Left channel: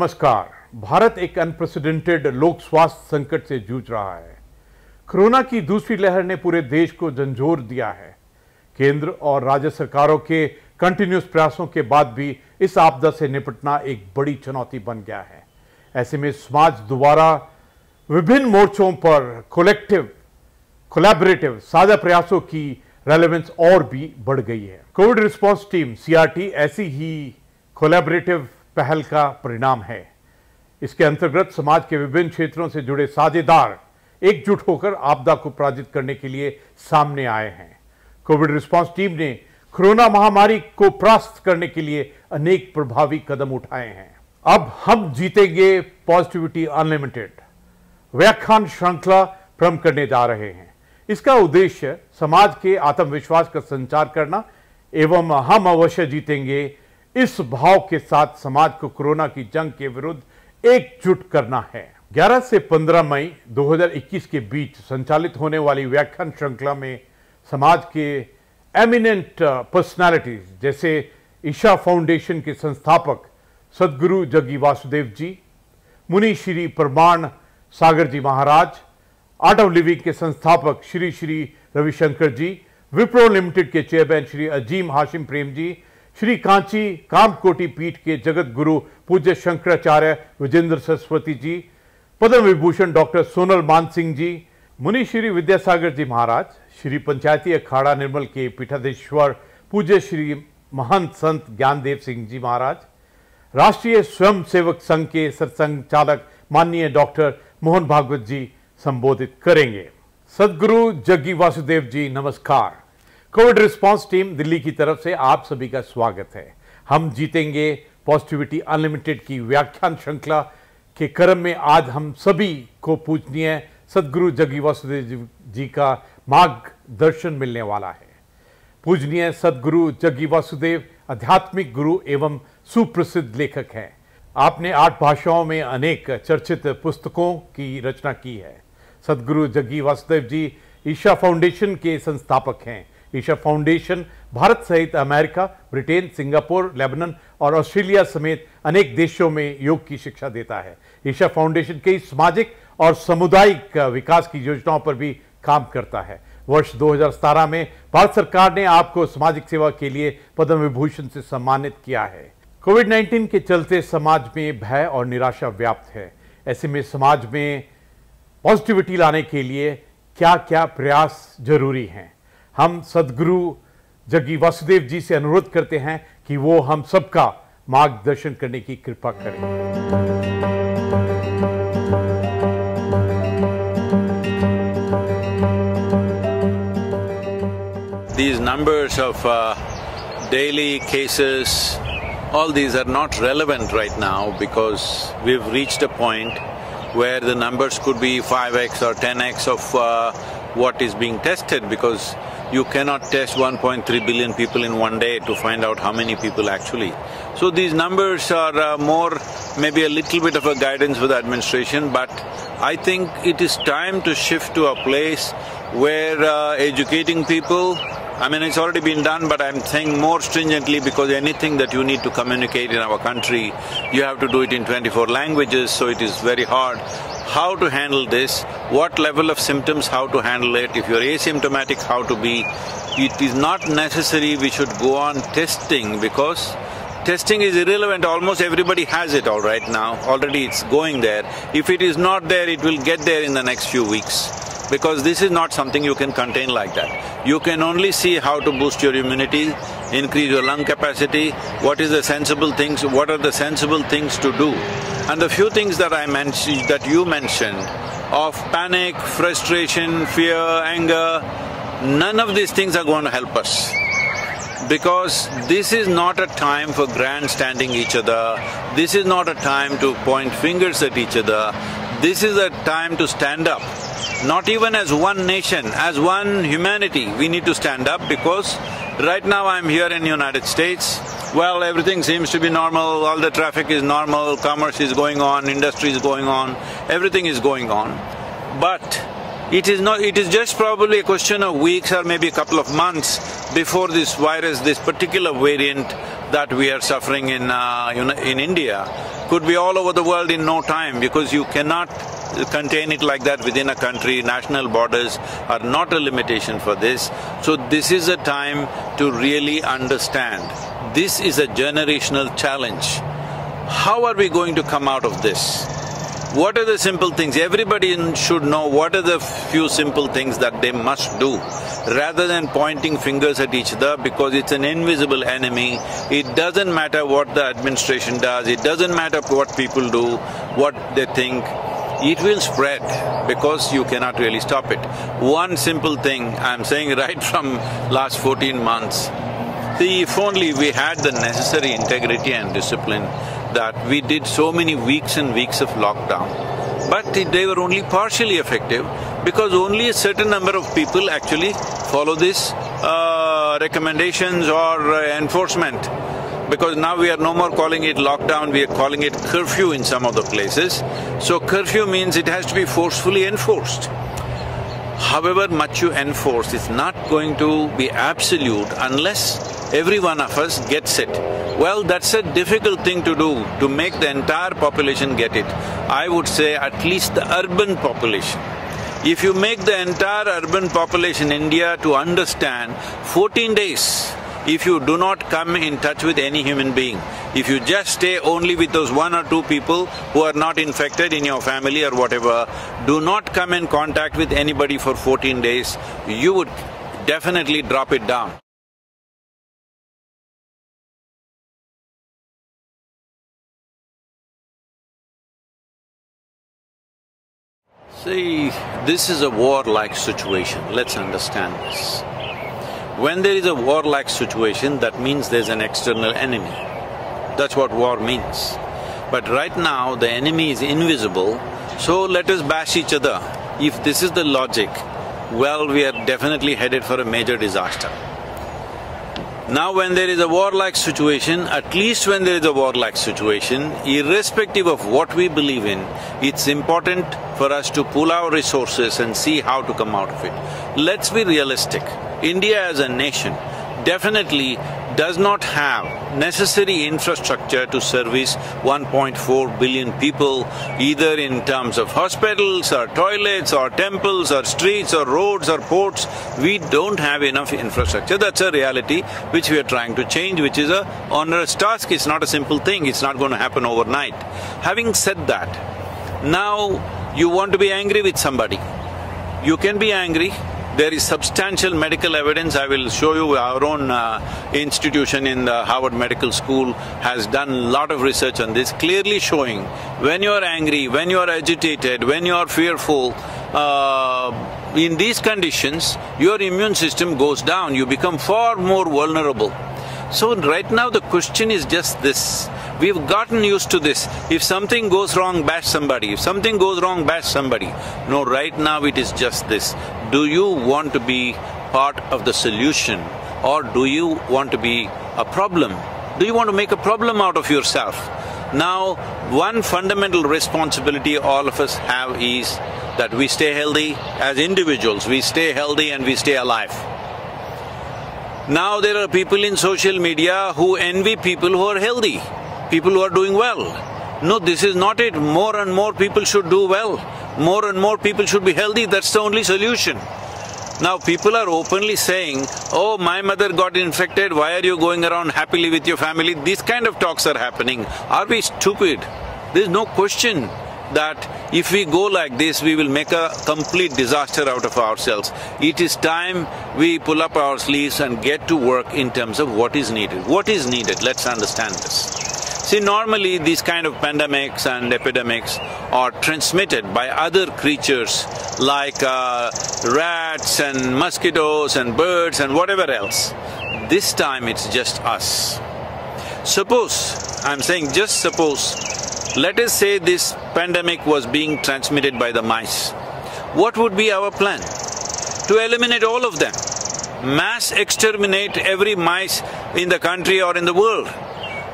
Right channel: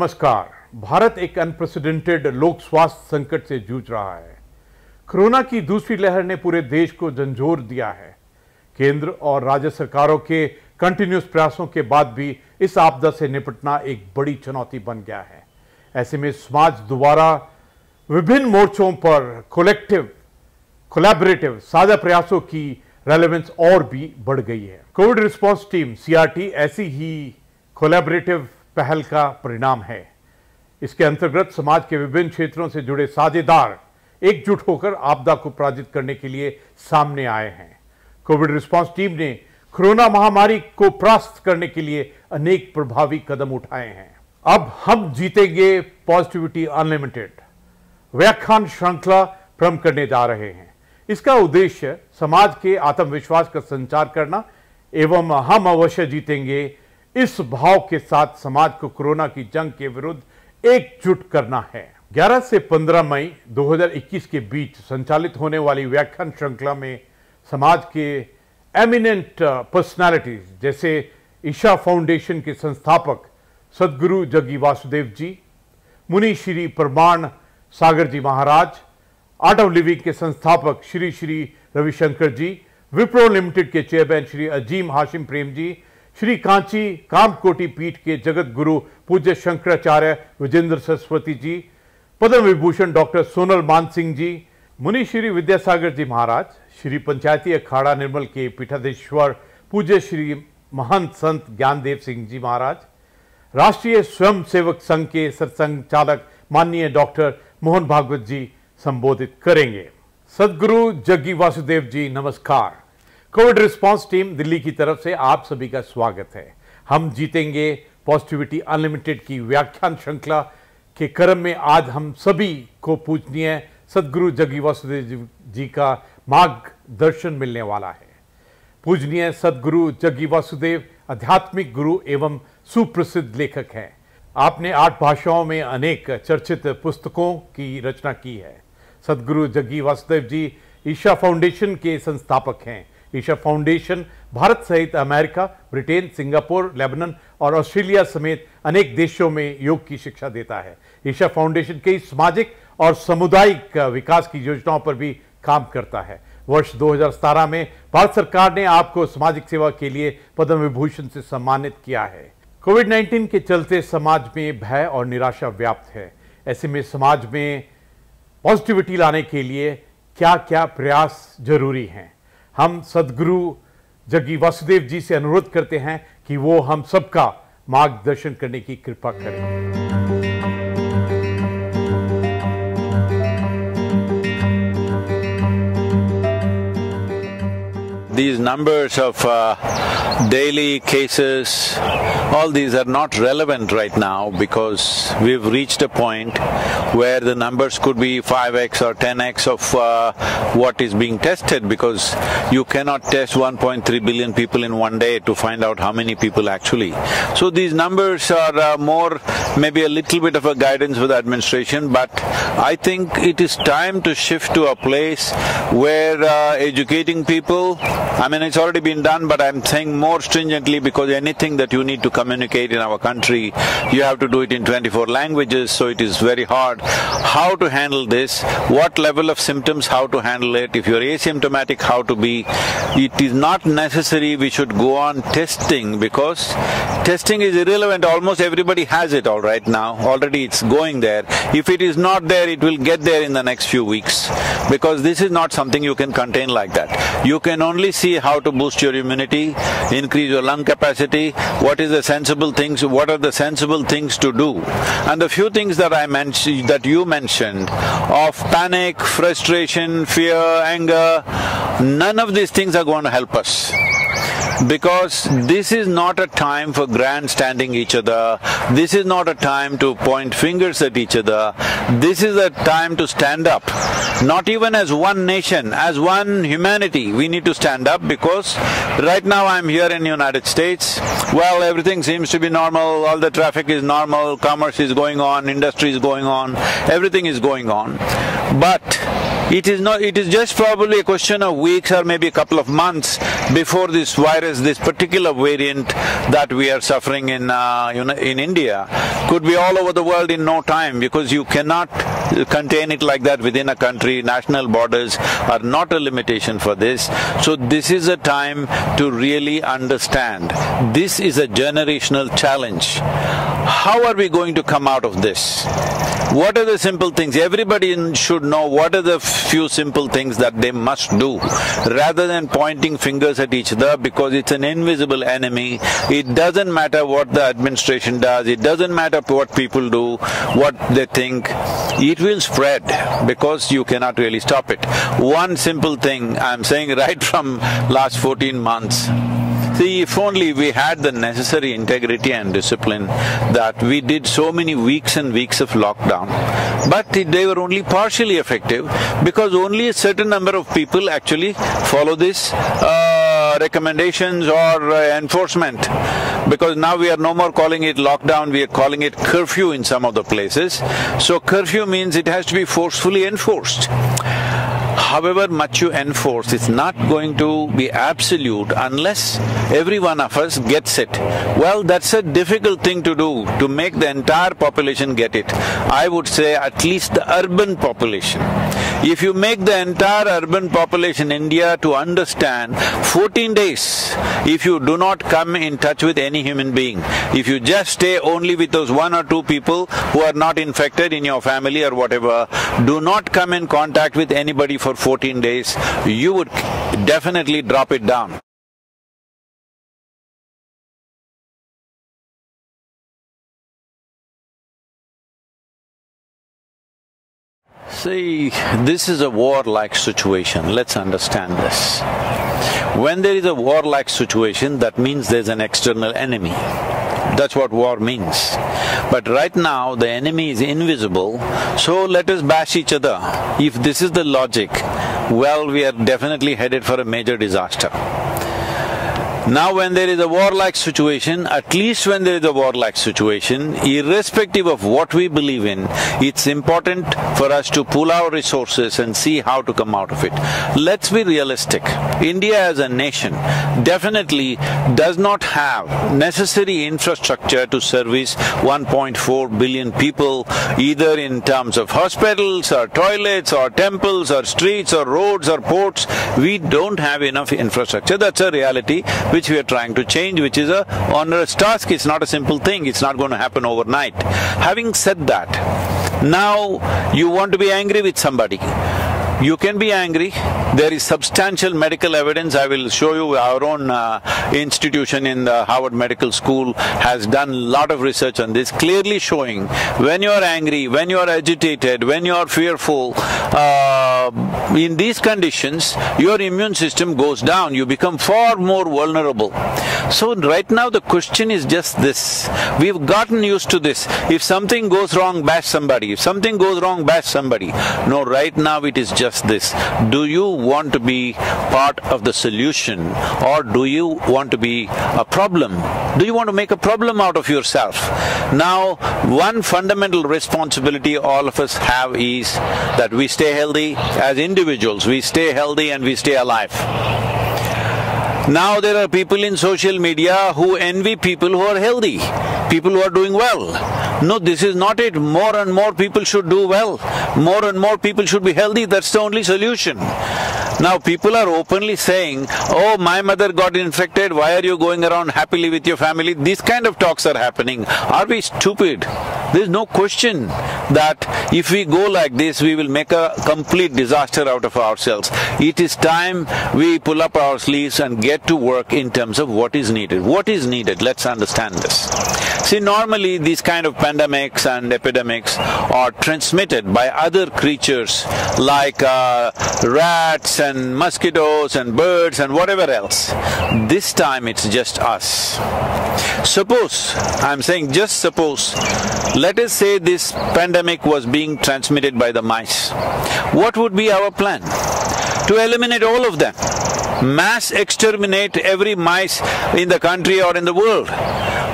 नमस्कार। भारत एक अनप्रेसिडेंटेड लोक स्वास्थ्य संकट से जूझ रहा है। कोरोना की दूसरी लहर ने पूरे देश को झंझोर दिया है। केंद्र और राज्य सरकारों के कंटिन्यूस प्रयासों के बाद भी इस आपदा से निपटना एक बड़ी चुनौती बन गया है। ऐसे में समाज दोबारा विभिन्न मोर्चों पर कोलैबोरेटिव साझा प्रयासों की रेलेवेंस और भी बढ़ गई है। कोविड रिस्पांस टीम सीआरटी ऐसी ही कोलैबोरेटिव पहल का परिणाम है। इसके अंतर्गत समाज के विभिन्न क्षेत्रों से जुड़े साझेदार एकजुट होकर आपदा को पराजित करने के लिए सामने आए हैं। कोविड रिस्पांस टीम ने कोरोना महामारी को परास्त करने के लिए अनेक प्रभावी कदम उठाए हैं। अब हम जीतेंगे पॉजिटिविटी अनलिमिटेड व्याख्यान श्रृंखला प्रारंभ करने जा रहे हैं। इसका उद्देश्य समाज के आत्मविश्वास का संचार करना एवं हम अवश्य जीतेंगे इस भाव के साथ समाज को कोरोना की जंग के विरुद्ध एकजुट करना है। 11 से 15 मई 2021 के बीच संचालित होने वाली व्याख्यान श्रृंखला में समाज के एमिनेंट पर्सनालिटीज जैसे ईशा फाउंडेशन के संस्थापक सदगुरु जग्गी वासुदेव जी, मुनि श्री प्रमाण सागर जी महाराज, आर्ट ऑफ लिविंग के संस्थापक श्री श्री रविशंकर जी, विप्रो लिमिटेड के चेयरमैन श्री अजीम हाशिम प्रेम जी, श्री कांची कामकोटि पीठ के जगत गुरु पूज्य शंकराचार्य विजेंद्र सरस्वती जी, पद्म विभूषण डॉक्टर सोनल मान सिंह जी, मुनि श्री विद्यासागर जी महाराज, श्री पंचायती अखाड़ा निर्मल के पीठाधीश्वर पूज्य श्री महंत संत ज्ञानदेव सिंह जी महाराज, राष्ट्रीय स्वयं सेवक संघ के सरसंघचालक माननीय डॉक्टर मोहन भागवत जी संबोधित करेंगे। सदगुरु जग्गी वासुदेव जी नमस्कार। कोविड रिस्पांस टीम दिल्ली की तरफ से आप सभी का स्वागत है। हम जीतेंगे पॉजिटिविटी अनलिमिटेड की व्याख्यान श्रृंखला के क्रम में आज हम सभी को पूजनीय सदगुरु जग्गी वासुदेव जी का मार्गदर्शन मिलने वाला है। पूजनीय सदगुरु जग्गी वासुदेव आध्यात्मिक गुरु एवं सुप्रसिद्ध लेखक हैं। आपने 8 भाषाओं में अनेक चर्चित पुस्तकों की रचना की है। सदगुरु जग्गी वासुदेव जी ईशा फाउंडेशन के संस्थापक हैं। ईशा फाउंडेशन भारत सहित अमेरिका, ब्रिटेन, सिंगापुर, लेबनान और ऑस्ट्रेलिया समेत अनेक देशों में योग की शिक्षा देता है। ईशा फाउंडेशन कई सामाजिक और सामुदायिक विकास की योजनाओं पर भी काम करता है। वर्ष 2017 में भारत सरकार ने आपको सामाजिक सेवा के लिए पद्म विभूषण से सम्मानित किया है। कोविड-19 के चलते समाज में भय और निराशा व्याप्त है। ऐसे में समाज में पॉजिटिविटी लाने के लिए क्या क्या प्रयास जरूरी हैं? हम सदगुरु जग्गी वासुदेव जी से अनुरोध करते हैं कि वो हम सबका मार्गदर्शन करने की कृपा करें। These numbers of daily cases, all these are not relevant right now because we've reached a point where the numbers could be 5x or 10x of what is being tested, because you cannot test 1.3 billion people in one day to find out how many people actually. So these numbers are more maybe a little bit of a guidance for the administration, but I think it is time to shift to a place where educating people, I mean, it's already been done, but I'm saying more stringently, because anything that you need to communicate in our country, you have to do it in 24 languages, so it is very hard. How to handle this, what level of symptoms, how to handle it, if you're asymptomatic, how to be. It is not necessary we should go on testing, because testing is irrelevant. Almost everybody has it all right now. Already it's going there. If it is not there, it will get there in the next few weeks, because this is not something you can contain like that. You can only see how to boost your immunity, increase your lung capacity, what is the sensible things, what are the sensible things to do. And the few things that I mentioned, that you mentioned, of panic, frustration, fear, anger, none of these things are going to help us. Because this is not a time for grandstanding each other, this is not a time to point fingers at each other, this is a time to stand up. Not even as one nation, as one humanity, we need to stand up, because right now I'm here in the United States, well, everything seems to be normal, all the traffic is normal, commerce is going on, industry is going on, everything is going on. But It is just probably a question of weeks or maybe a couple of months before this virus, this particular variant that we are suffering in India, could be all over the world in no time, because you cannot contain it like that within a country. National borders are not a limitation for this. So this is a time to really understand. This is a generational challenge. How are we going to come out of this? What are the simple things? Everybody should know what are the few simple things that they must do, rather than pointing fingers at each other, because it's an invisible enemy. It doesn't matter what the administration does, it doesn't matter what people do, what they think. It will spread because you cannot really stop it. One simple thing I'm saying right from last 14 months. See, if only we had the necessary integrity and discipline, that we did so many weeks and weeks of lockdown, but they were only partially effective because only a certain number of people actually follow these recommendations or enforcement. Because now we are no more calling it lockdown, we are calling it curfew in some of the places. So curfew means it has to be forcefully enforced. However much you enforce, it's not going to be absolute unless every one of us gets it. Well, that's a difficult thing to do, to make the entire population get it. I would say at least the urban population. If you make the entire urban population in India to understand 14 days, if you do not come in touch with any human being, if you just stay only with those 1 or 2 people who are not infected in your family or whatever, do not come in contact with anybody for 14 days, you would definitely drop it down. See, this is a war-like situation. Let's understand this. When there is a war-like situation, that means there's an external enemy. That's what war means. But right now, the enemy is invisible, so let us bash each other. If this is the logic, well, we are definitely headed for a major disaster. Now when there is a war-like situation, at least when there is a war-like situation, irrespective of what we believe in, it's important for us to pool our resources and see how to come out of it. Let's be realistic. India as a nation definitely does not have necessary infrastructure to service 1.4 billion people, either in terms of hospitals or toilets or temples or streets or roads or ports. We don't have enough infrastructure. That's a reality which we are trying to change, which is a onerous task. It's not a simple thing, it's not going to happen overnight. Having said that, now you want to be angry with somebody. You can be angry. There is substantial medical evidence. I will show you our own institution in the Harvard Medical School has done a lot of research on this, clearly showing when you are angry, when you are agitated, when you are fearful, in these conditions, your immune system goes down. You become far more vulnerable. So right now the question is just this. We've gotten used to this. If something goes wrong, bash somebody. If something goes wrong, bash somebody. No, right now it is just this. Do you want to be part of the solution, or do you want to be a problem? Do you want to make a problem out of yourself? Now, one fundamental responsibility all of us have is that we stay healthy as individuals, we stay healthy and we stay alive. Now there are people in social media who envy people who are healthy, people who are doing well. No, this is not it. More and more people should do well. More and more people should be healthy. That's the only solution. Now people are openly saying, oh, my mother got infected, why are you going around happily with your family? These kind of talks are happening. Are we stupid? There is no question that if we go like this, we will make a complete disaster out of ourselves. It is time we pull up our sleeves and get to work in terms of what is needed. What is needed? Let's understand this. See, normally these kind of pandemics and epidemics are transmitted by other creatures like rats and mosquitoes and birds and whatever else. This time it's just us. Suppose, I'm saying just suppose, let us say this pandemic was being transmitted by the mice. What would be our plan? To eliminate all of them. Mass exterminate every mice in the country or in the world.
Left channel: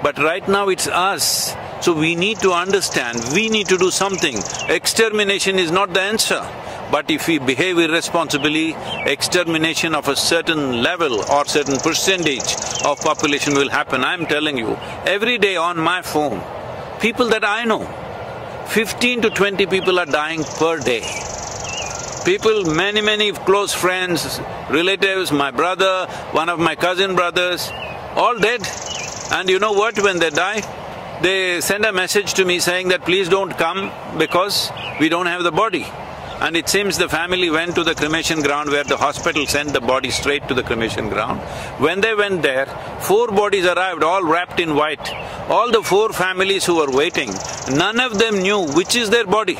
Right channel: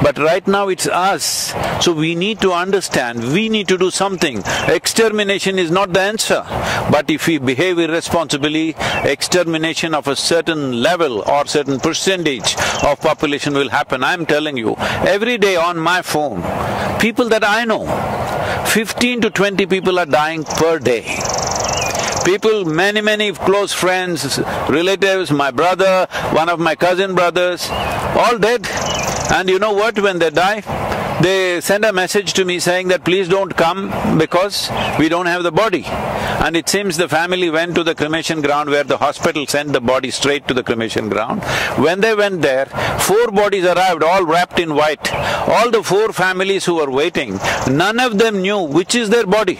But right now it's us. So we need to understand, we need to do something. Extermination is not the answer. But if we behave irresponsibly, extermination of a certain level or certain percentage of population will happen. I'm telling you, every day on my phone, people that I know, 15 to 20 people are dying per day. People, many close friends, relatives, my brother, one of my cousin brothers, all dead. And you know what, when they die, they send a message to me saying that please don't come because we don't have the body. And it seems the family went to the cremation ground where the hospital sent the body straight to the cremation ground. When they went there, 4 bodies arrived, all wrapped in white. All the 4 families who were waiting, none of them knew which is their body.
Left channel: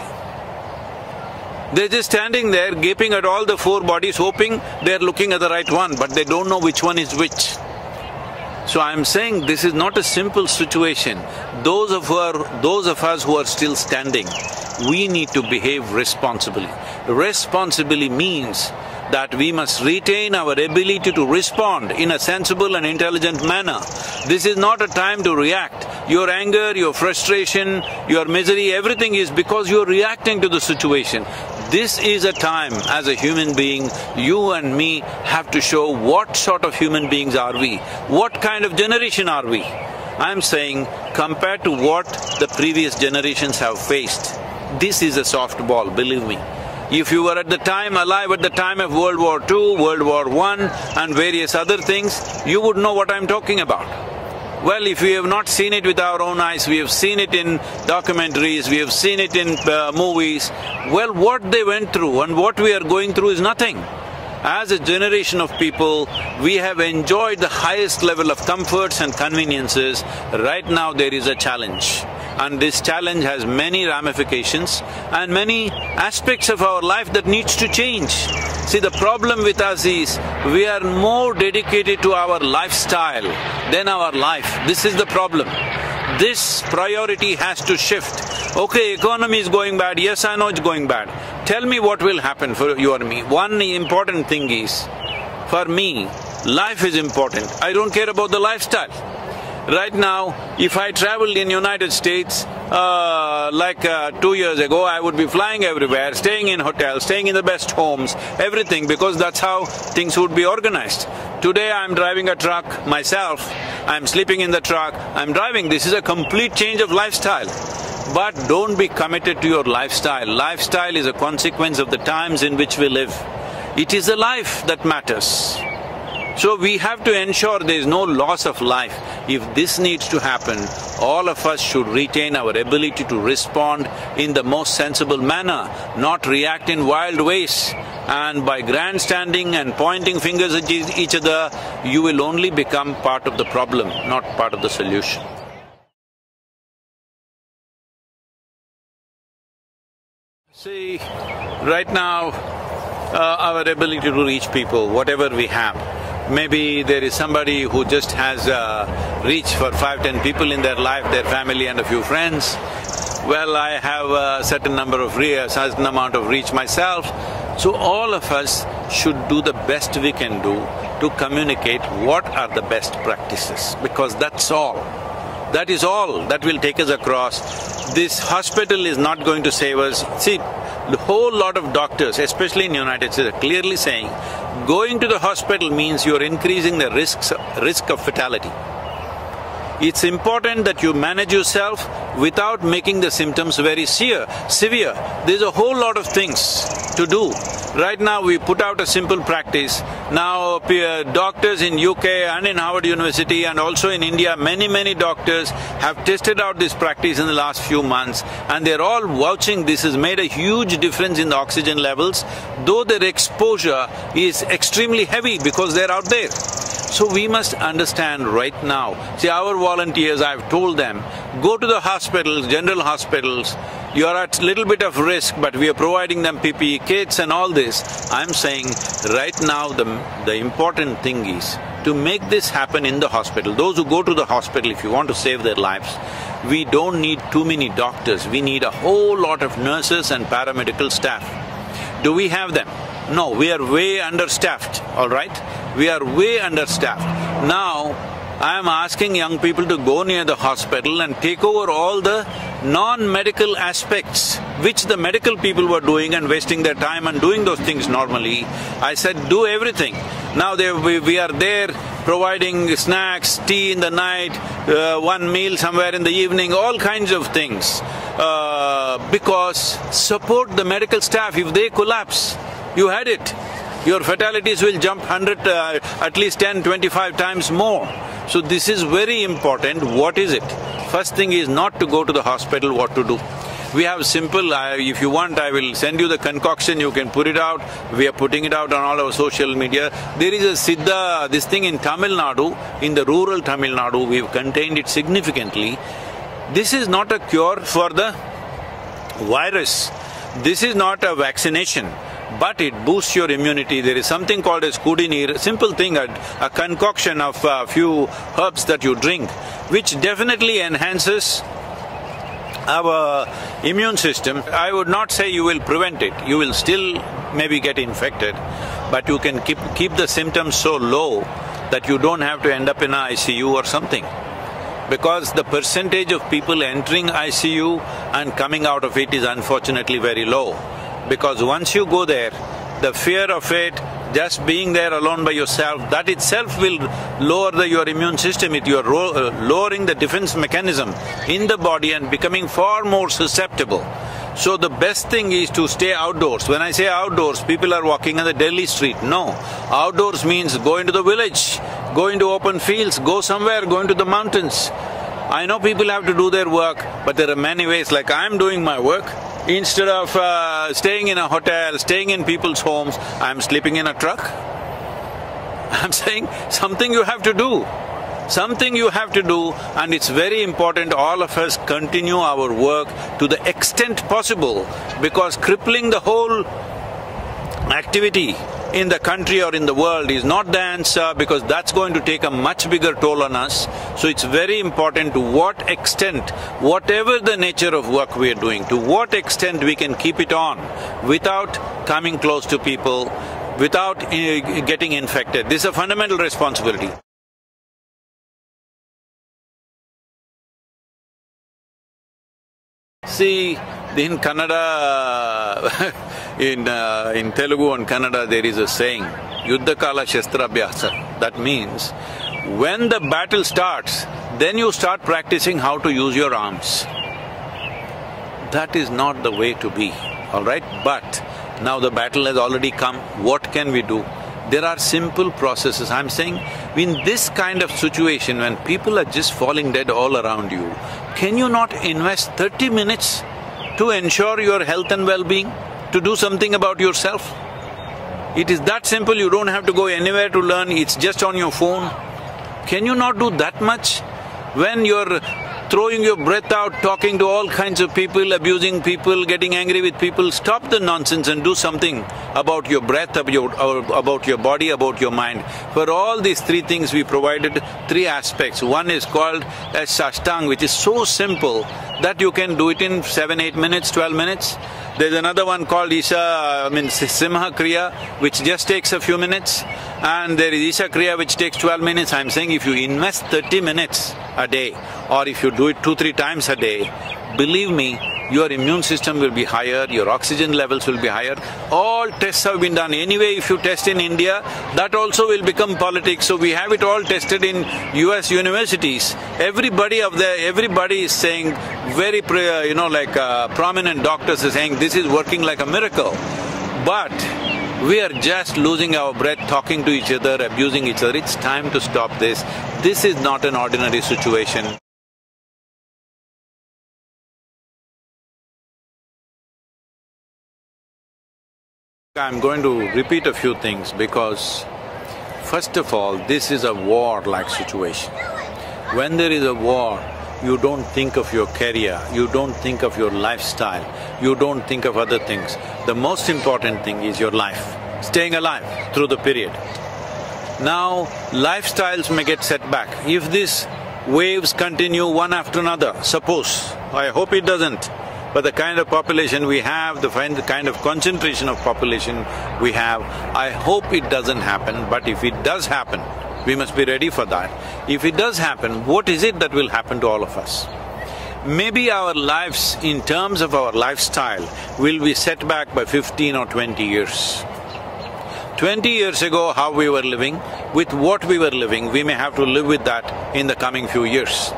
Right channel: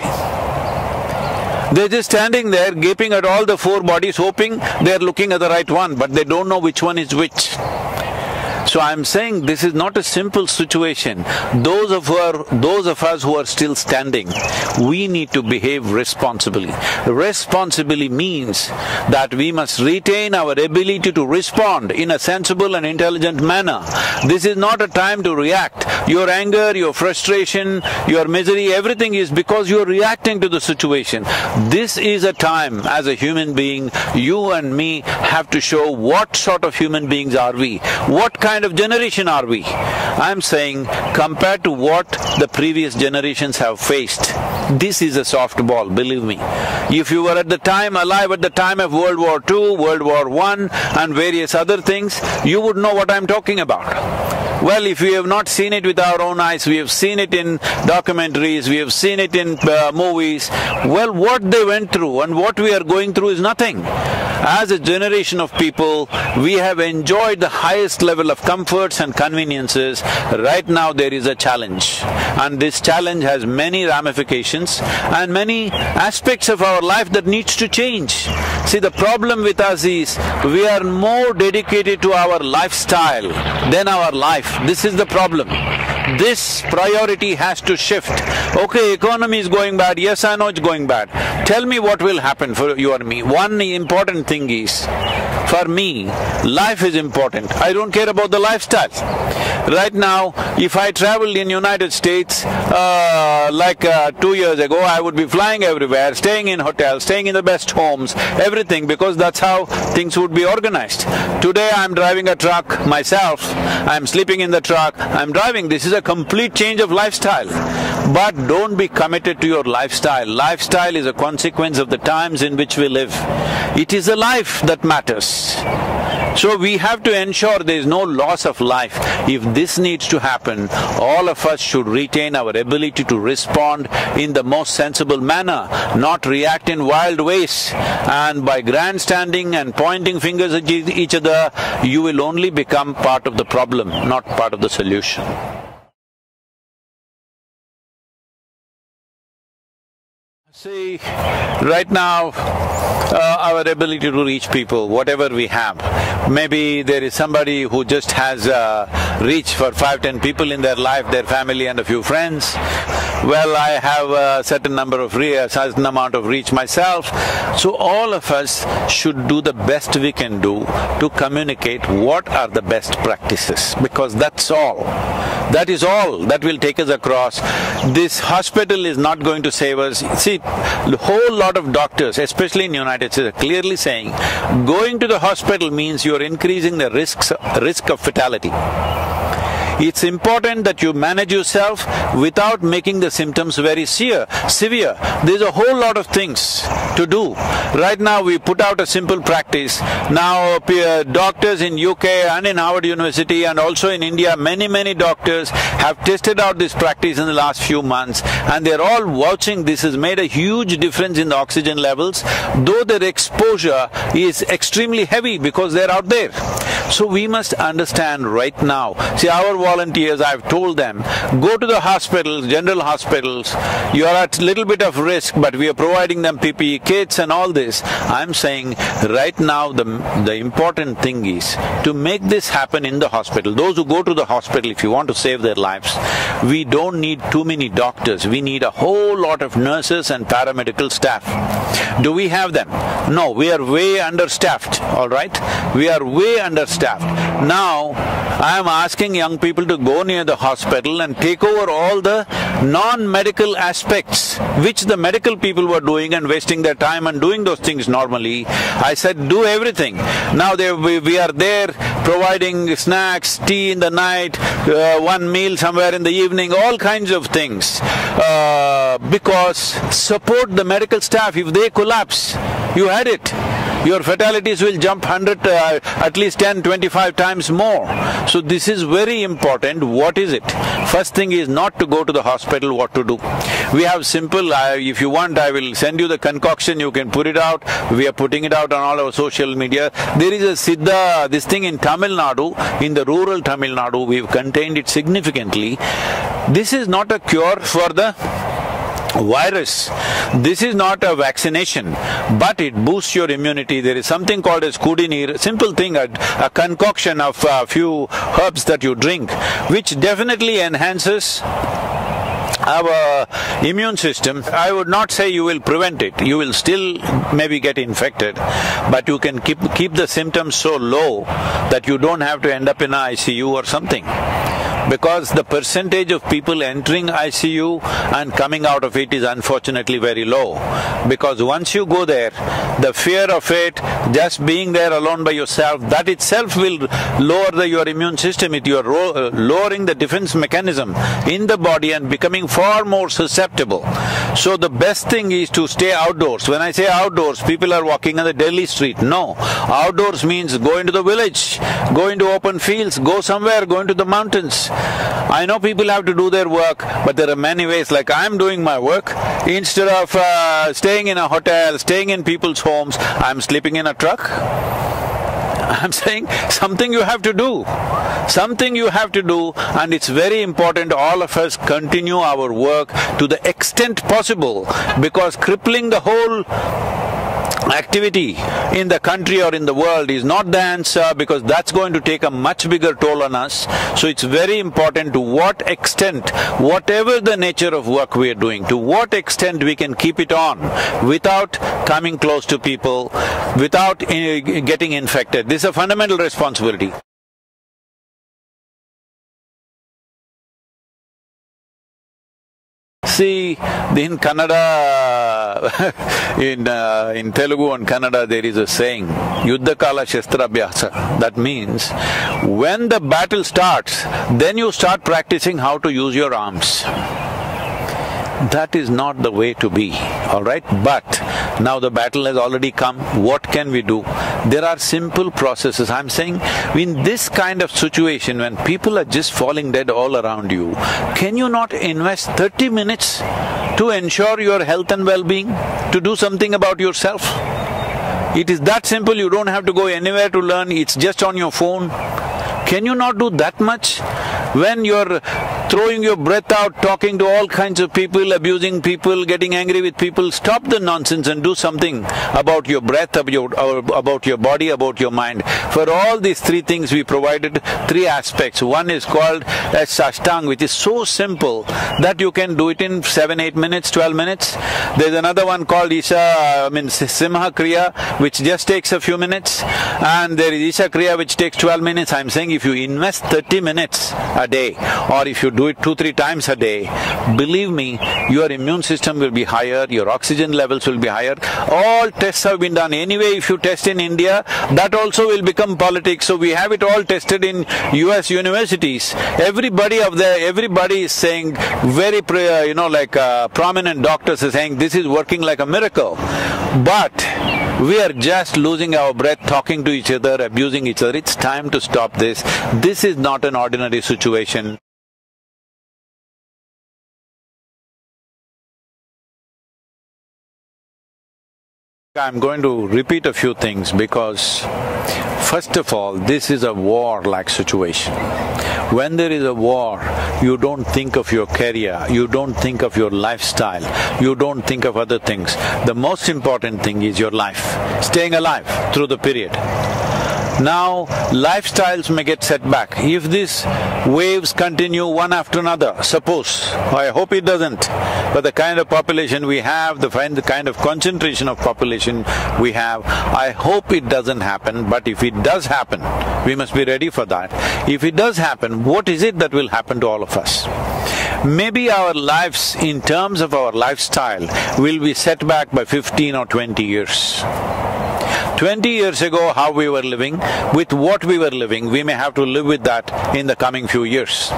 They're just standing there gaping at all the 4 bodies, hoping they're looking at the right one, but they don't know which one is which. So I'm saying this is not a simple situation. Those of us who are still standing, we need to behave responsibly. Responsibly means that we must retain our ability to respond in a sensible and intelligent manner. This is not a time to react. Your anger, your frustration, your misery, everything is because you are reacting to the situation. This is a time, as a human being, you and me have to show what sort of human beings are we, what kind of generation are we. I'm saying, compared to what the previous generations have faced, this is a softball, believe me. If you were alive at the time of World War II, World War I and various other things, you would know what I'm talking about. Well, if we have not seen it with our own eyes, we have seen it in documentaries, we have seen it in movies, well, what they went through and what we are going through is nothing. As a generation of people, we have enjoyed the highest level of comforts and conveniences. Right now there is a challenge, and this challenge has many ramifications and many aspects of our life that needs to change. See, the problem with us is we are more dedicated to our lifestyle than our life. This is the problem. This priority has to shift. Okay, economy is going bad, yes I know it's going bad. Tell me what will happen for you and me. One important thing is, for me, life is important. I don't care about the lifestyle. Right now, if I traveled in United States, 2 years ago, I would be flying everywhere, staying in hotels, staying in the best homes, everything, because that's how things would be organized. Today I'm driving a truck myself, I'm sleeping in the truck, I'm driving. This is a complete change of lifestyle. But don't be committed to your lifestyle. Lifestyle is a consequence of the times in which we live. It is the life that matters. So we have to ensure there is no loss of life. If this needs to happen, all of us should retain our ability to respond in the most sensible manner, not react in wild ways. And by grandstanding and pointing fingers at each other, you will only become part of the problem, not part of the solution. See, right now, our ability to reach people, whatever we have. Maybe there is somebody who just has reach for 5-10 people in their life, their family and a few friends. Well, I have a certain amount of reach myself. So all of us should do the best we can do to communicate what are the best practices, because that's all. That is all that will take us across. This hospital is not going to save us. See, a whole lot of doctors, especially in the United States, are clearly saying going to the hospital means you are increasing the risk of fatality. It's important that you manage yourself without making the symptoms very severe. There's a whole lot of things to do. Right now we put out a simple practice. Now doctors in UK and in Harvard University and also in India, many doctors have tested out this practice in the last few months, and they're all vouching this has made a huge difference in the oxygen levels, though their exposure is extremely heavy because they're out there. So we must understand right now. See, our volunteers, I've told them, go to the hospitals, general hospitals, you are at a little bit of risk, but we are providing them PPE kits and all this. I'm saying right now the important thing is to make this happen in the hospital. Those who go to the hospital, if you want to save their lives, we don't need too many doctors, we need a whole lot of nurses and paramedical staff. Do we have them? No, we are way understaffed, all right? We are way understaffed. Now, I am asking young people to go near the hospital and take over all the non-medical aspects which the medical people were doing and wasting their time and doing those things normally. I said, do everything. Now we are there providing snacks, tea in the night, one meal somewhere in the evening, all kinds of things. Because support the medical staff. If they collapse, you had it. Your fatalities will jump 100, at least 10, 25 times more. So this is very important. What is it? First thing is not to go to the hospital, what to do. We have simple, if you want I will send you the concoction, you can put it out. We are putting it out on all our social media. There is a Siddha, this thing in Tamil Nadu, in the rural Tamil Nadu, we've contained it significantly. This is not a cure for the virus. This is not a vaccination, but it boosts your immunity. There is something called as Kudinir, simple thing, a concoction of a few herbs that you drink, which definitely enhances our immune system. I would not say you will prevent it. You will still maybe get infected, but you can keep the symptoms so low that you don't have to end up in an ICU or something. Because the percentage of people entering ICU and coming out of it is unfortunately very low. Because once you go there, the fear of it, just being there alone by yourself, that itself will lower your immune system. You are lowering the defense mechanism in the body and becoming far more susceptible. So the best thing is to stay outdoors. When I say outdoors, people are walking on the Delhi street. No. Outdoors means go into the village, go into open fields, go somewhere, go into the mountains. I know people have to do their work, but there are many ways. Like I'm doing my work, instead of staying in a hotel, staying in people's homes, I'm sleeping in a truck. I'm saying something you have to do. Something you have to do, and it's very important all of us continue our work to the extent possible, because crippling the whole activity in the country or in the world is not the answer, because that's going to take a much bigger toll on us. So it's very important to what extent, whatever the nature of work we are doing, to what extent we can keep it on without coming close to people, without getting infected. This is a fundamental responsibility. See, in Kannada, in Telugu and Kannada, there is a saying, Yuddha Kala Shastra Abhyasa. That means, when the battle starts, then you start practicing how to use your arms. That is not the way to be, all right? But now the battle has already come, what can we do? There are simple processes. I'm saying, in this kind of situation, when people are just falling dead all around you, can you not invest 30 minutes to ensure your health and well-being, to do something about yourself? It is that simple, you don't have to go anywhere to learn, it's just on your phone. Can you not do that much? When you're throwing your breath out, talking to all kinds of people, abusing people, getting angry with people, stop the nonsense and do something about your breath, about your body, about your mind. For all these three things we provided three aspects. One is called as Sashtang, which is so simple that you can do it in 7, 8 minutes, 12 minutes. There's another one called Simha Kriya, which just takes a few minutes. And there is Isha Kriya, which takes 12 minutes. I'm saying if you invest 30 minutes a day, or if you do it 2-3 times a day, believe me, your immune system will be higher, your oxygen levels will be higher. All tests have been done. Anyway, if you test in India, that also will become politics. So we have it all tested in US universities. Everybody is saying, very, prominent doctors are saying this is working like a miracle. But we are just losing our breath, talking to each other, abusing each other. It's time to stop this. This is not an ordinary situation. I'm going to repeat a few things because, first of all, this is a war-like situation. When there is a war, you don't think of your career, you don't think of your lifestyle, you don't think of other things. The most important thing is your life, staying alive through the period. Now, lifestyles may get set back. If these waves continue one after another, suppose, I hope it doesn't, but the kind of population we have, the kind of concentration of population we have, I hope it doesn't happen, but if it does happen, we must be ready for that. If it does happen, what is it that will happen to all of us? Maybe our lives, in terms of our lifestyle, will be set back by 15 or 20 years. 20 years ago, how we were living, with what we were living, we may have to live with that in the coming few years.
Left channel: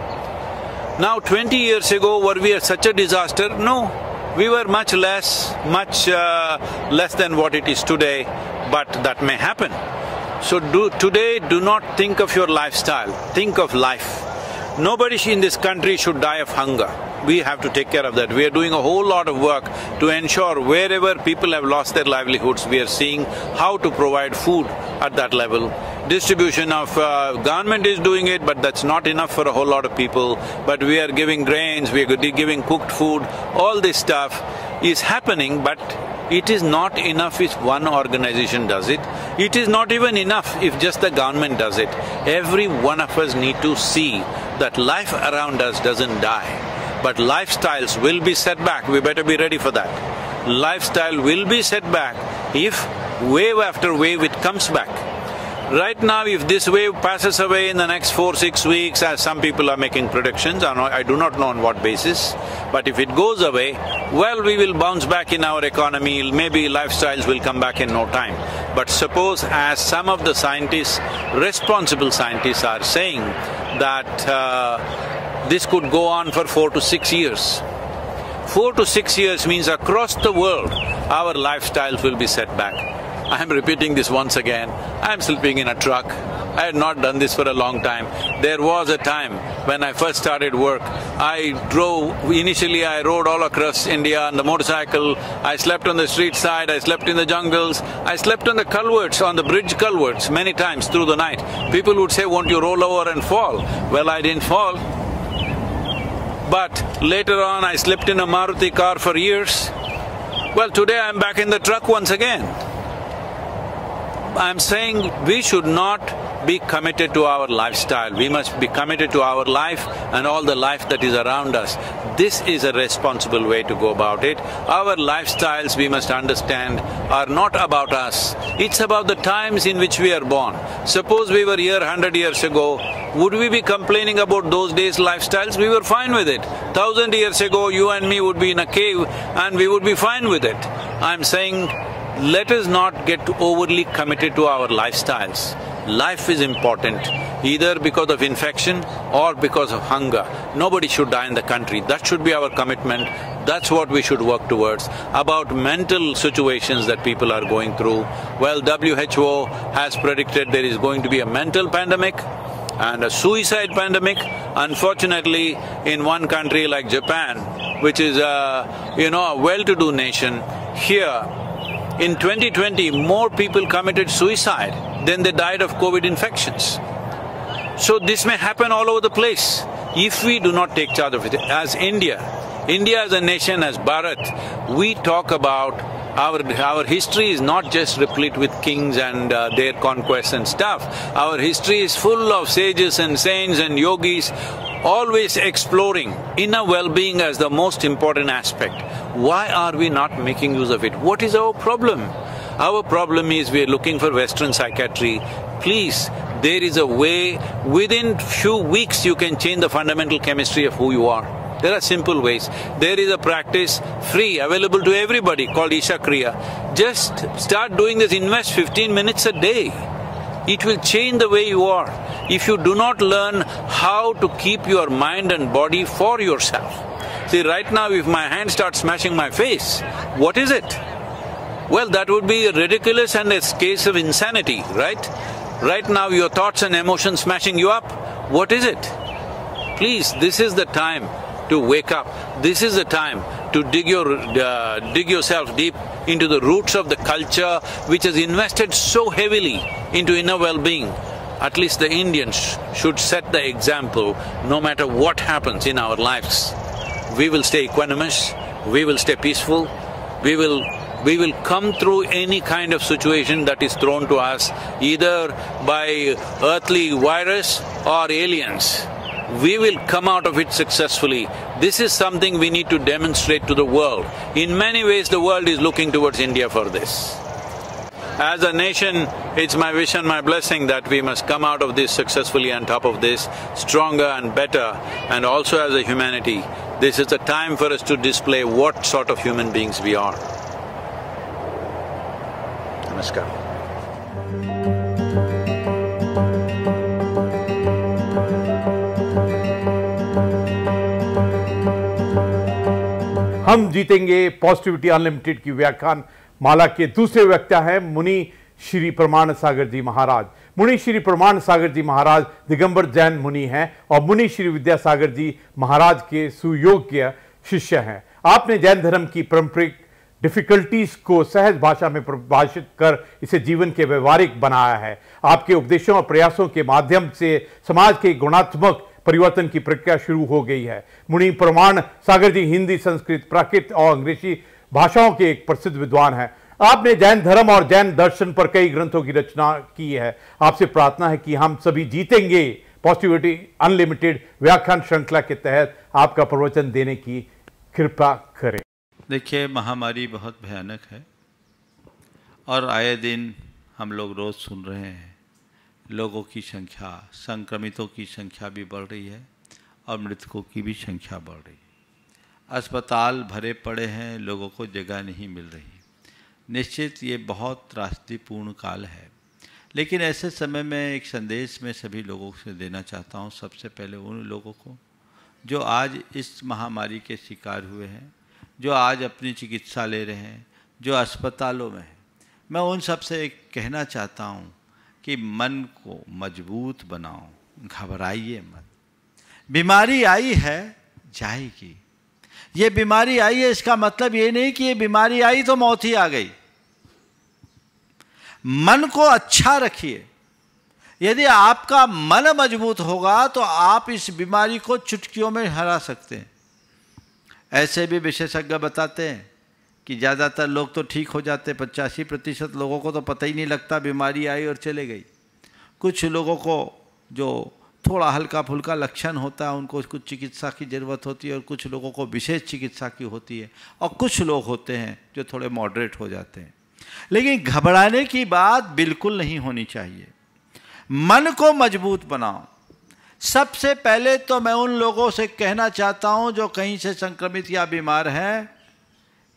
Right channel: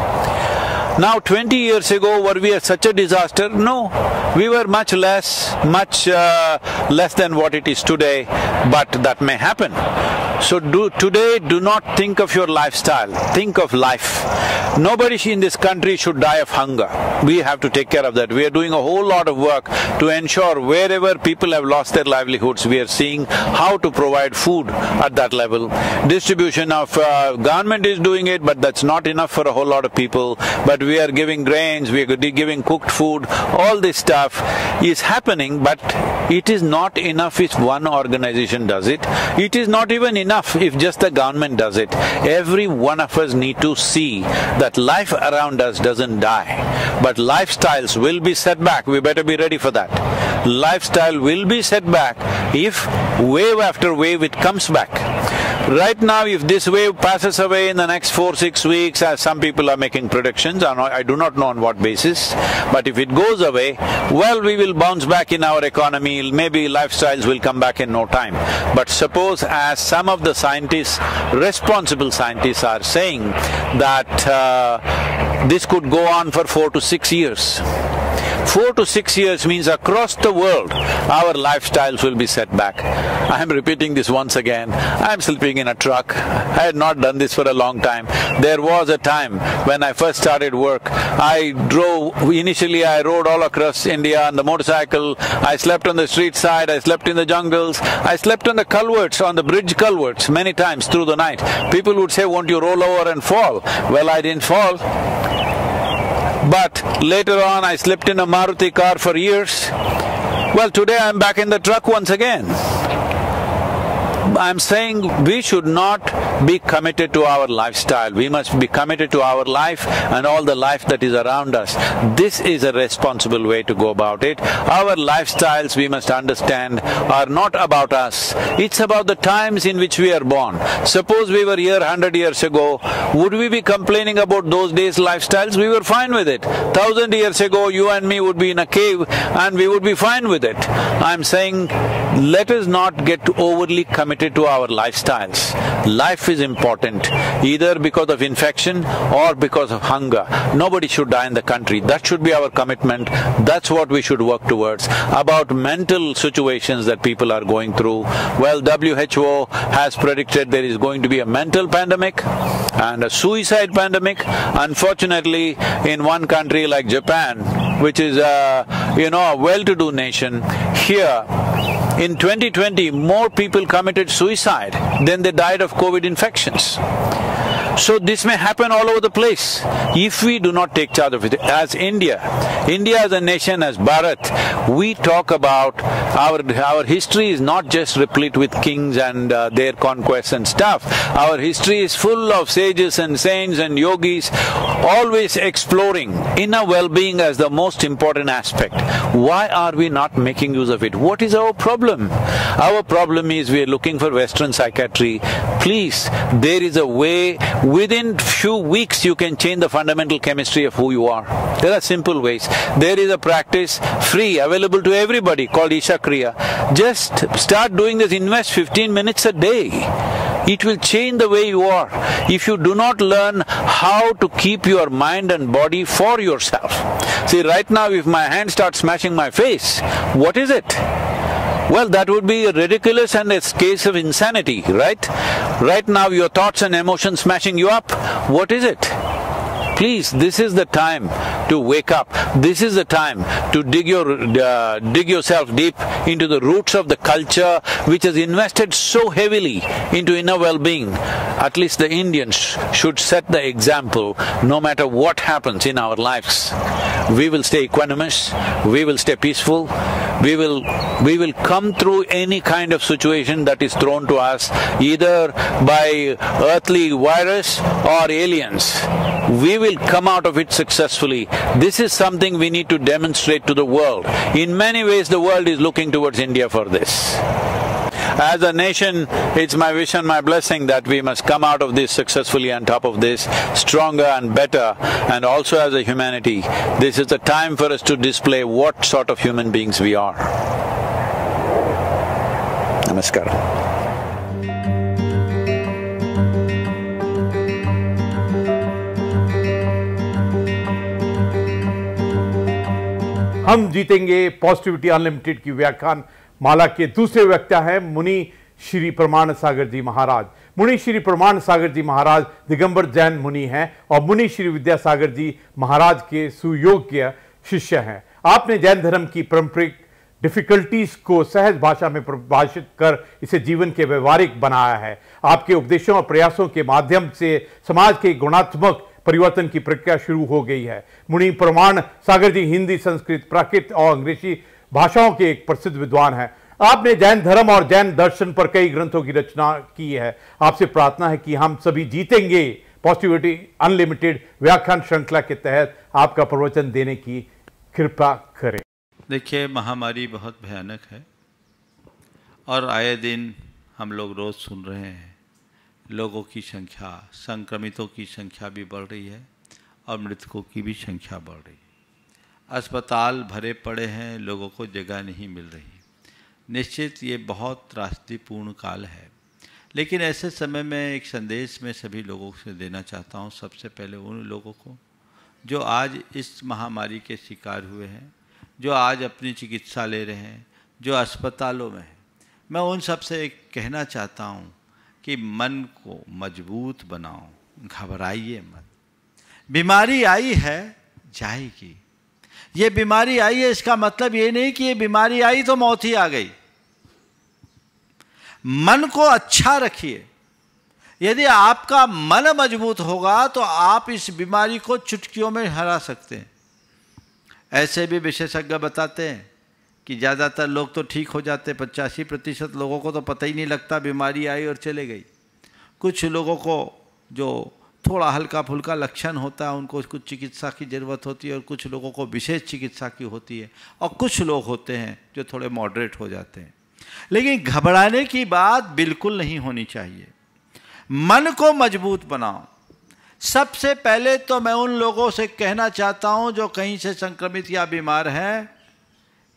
Now, 20 years ago, were we such a disaster? No, we were much less than what it is today, but that may happen. So today, do not think of your lifestyle, think of life. Nobody in this country should die of hunger. We have to take care of that. We are doing a whole lot of work to ensure wherever people have lost their livelihoods, we are seeing how to provide food at that level. Distribution of government is doing it, but that's not enough for a whole lot of people. But we are giving grains, we are giving cooked food, all this stuff is happening, but it is not enough if one organization does it. It is not even enough if just the government does it. Every one of us need to see that life around us doesn't die, but lifestyles will be set back. We better be ready for that. Lifestyle will be set back if wave after wave it comes back. Right now, if this wave passes away in the next 4-6 weeks, as some people are making predictions, I do not know on what basis, but if it goes away, well, we will bounce back in our economy, maybe lifestyles will come back in no time. But suppose, as some of the scientists, responsible scientists are saying, that this could go on for 4 to 6 years. 4 to 6 years means across the world, our lifestyles will be set back. I am repeating this once again. I am sleeping in a truck. I had not done this for a long time. There was a time when I first started work, initially I rode all across India on the motorcycle. I slept on the street side, I slept in the jungles, I slept on the culverts, on the bridge culverts many times through the night. People would say, won't you roll over and fall? Well, I didn't fall. But later on, I slept in a Maruti car for years. Well, today I'm back in the truck once again. I'm saying we should not be committed to our lifestyle. We must be committed to our life and all the life that is around us. This is a responsible way to go about it. Our lifestyles, we must understand, are not about us. It's about the times in which we are born. Suppose we were here 100 years ago, would we be complaining about those days' lifestyles? We were fine with it. 1,000 years ago, you and me would be in a cave and we would be fine with it. I'm saying, let us not get overly committed to our lifestyles. Life is important, either because of infection or because of hunger. Nobody should die in the country. That should be our commitment. That's what we should work towards. About mental situations that people are going through, well, WHO has predicted there is going to be a mental pandemic and a suicide pandemic. Unfortunately, in one country like Japan, which is a well-to-do nation, here in 2020, more people committed suicide than they died of COVID infections. So this may happen all over the place if we do not take charge of it. As India as a nation, as Bharat, we talk about our history is not just replete with kings and their conquests and stuff. Our history is full of sages and saints and yogis, always exploring inner well-being as the most important aspect. Why are we not making use of it? What is our problem? Our problem is we are looking for Western psychiatry. Please, there is a way. Within few weeks you can change the fundamental chemistry of who you are. There are simple ways. There is a practice, free, available to everybody, called Isha Kriya. Just start doing this, invest 15 minutes a day. It will change the way you are. If you do not learn how to keep your mind and body for yourself. See, right now if my hand starts smashing my face, what is it? Well, that would be ridiculous and a case of insanity, right? Right now your thoughts and emotions smashing you up, what is it? Please, this is the time to wake up. This is the time to dig yourself deep into the roots of the culture which has invested so heavily into inner well-being. At least the Indians should set the example no matter what happens in our lives. We will stay equanimous, we will stay peaceful, we will come through any kind of situation that is thrown to us, either by earthly virus or aliens. We will come out of it successfully. This is something we need to demonstrate to the world. In many ways, the world is looking towards India for this. As a nation, it's my wish and my blessing that we must come out of this successfully, on top of this, stronger and better. And also as a humanity, this is the time for us to display what sort of human beings we are. Namaskar. हम जीतेंगे positivity unlimited की व्याख्यान माला के दूसरे वक्ता हैं मुनि श्री प्रमाण सागर जी महाराज। मुनि श्री प्रमाण सागर जी महाराज दिगंबर जैन मुनि हैं और मुनि श्री विद्यासागर जी महाराज के सुयोग्य शिष्य हैं। आपने जैन धर्म की पारंपरिक डिफिकल्टीज को सहज भाषा में परिभाषित कर इसे जीवन के व्यवहारिक बनाया है। आपके उपदेशों और प्रयासों के माध्यम से समाज के गुणात्मक परिवर्तन की प्रक्रिया शुरू हो गई है। मुनि प्रमाण सागर जी हिंदी, संस्कृत, प्राकृत और अंग्रेजी भाषाओं के एक प्रसिद्ध विद्वान हैं। आपने जैन धर्म और जैन दर्शन पर कई ग्रंथों की रचना की है। आपसे प्रार्थना है कि हम सभी जीतेंगे पॉजिटिविटी अनलिमिटेड व्याख्यान श्रृंखला के तहत आपका प्रवचन देने की कृपा करें। देखिए, महामारी बहुत भयानक है और आए दिन हम लोग रोज़ सुन रहे हैं लोगों की संख्या, संक्रमितों की संख्या भी बढ़ रही है और मृतकों की भी संख्या बढ़ रही है। अस्पताल भरे पड़े हैं, लोगों को जगह नहीं मिल रही। निश्चित ये बहुत त्रासदीपूर्ण काल है, लेकिन ऐसे समय में एक संदेश मैं सभी लोगों से देना चाहता हूँ। सबसे पहले उन लोगों को जो आज इस महामारी के शिकार हुए हैं, जो आज अपनी चिकित्सा ले रहे हैं, जो अस्पतालों में हैं, मैं उन सब से कहना चाहता हूँ कि मन को मजबूत बनाओ, घबराइए मत। बीमारी आई है, जाएगी। ये बीमारी आई है, इसका मतलब ये नहीं कि ये बीमारी आई तो मौत ही आ गई। मन को अच्छा रखिए। यदि आपका मन मजबूत होगा तो आप इस बीमारी को चुटकियों में हरा सकते हैं। ऐसे भी विशेषज्ञ बताते हैं कि ज़्यादातर लोग तो ठीक हो जाते, 85% लोगों को तो पता ही नहीं लगता बीमारी आई और चले गई। कुछ लोगों को जो थोड़ा हल्का फुल्का लक्षण होता है उनको कुछ चिकित्सा की ज़रूरत होती है और कुछ लोगों को विशेष चिकित्सा की होती है और कुछ लोग होते हैं जो थोड़े मॉडरेट हो जाते हैं। लेकिन घबराने की बात बिल्कुल नहीं होनी चाहिए। मन को मजबूत बनाओ। सबसे पहले तो मैं उन लोगों से कहना चाहता हूं जो कहीं से संक्रमित या बीमार हैं,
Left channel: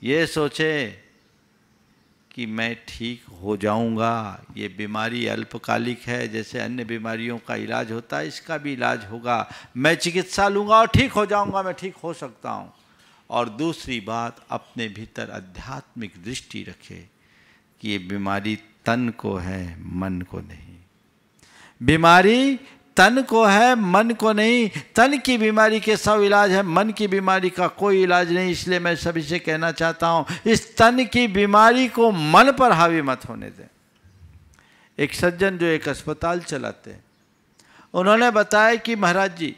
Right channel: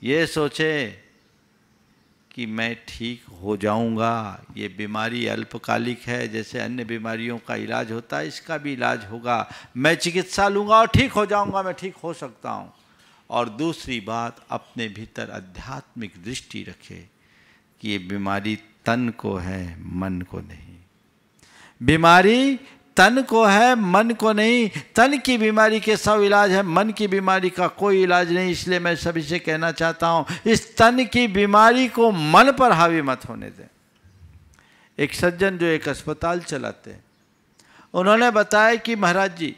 ये सोचे कि मैं ठीक हो जाऊंगा। ये बीमारी अल्पकालिक है, जैसे अन्य बीमारियों का इलाज होता है इसका भी इलाज होगा। मैं चिकित्सा लूँगा और ठीक हो जाऊंगा, मैं ठीक हो सकता हूँ। और दूसरी बात, अपने भीतर आध्यात्मिक दृष्टि रखे कि ये बीमारी तन को है, मन को नहीं। बीमारी तन को है, मन को नहीं। तन की बीमारी के 100 इलाज है, मन की बीमारी का कोई इलाज नहीं। इसलिए मैं सभी से कहना चाहता हूँ, इस तन की बीमारी को मन पर हावी मत होने दें। एक सज्जन जो एक अस्पताल चलाते हैं, उन्होंने बताया कि महाराज जी,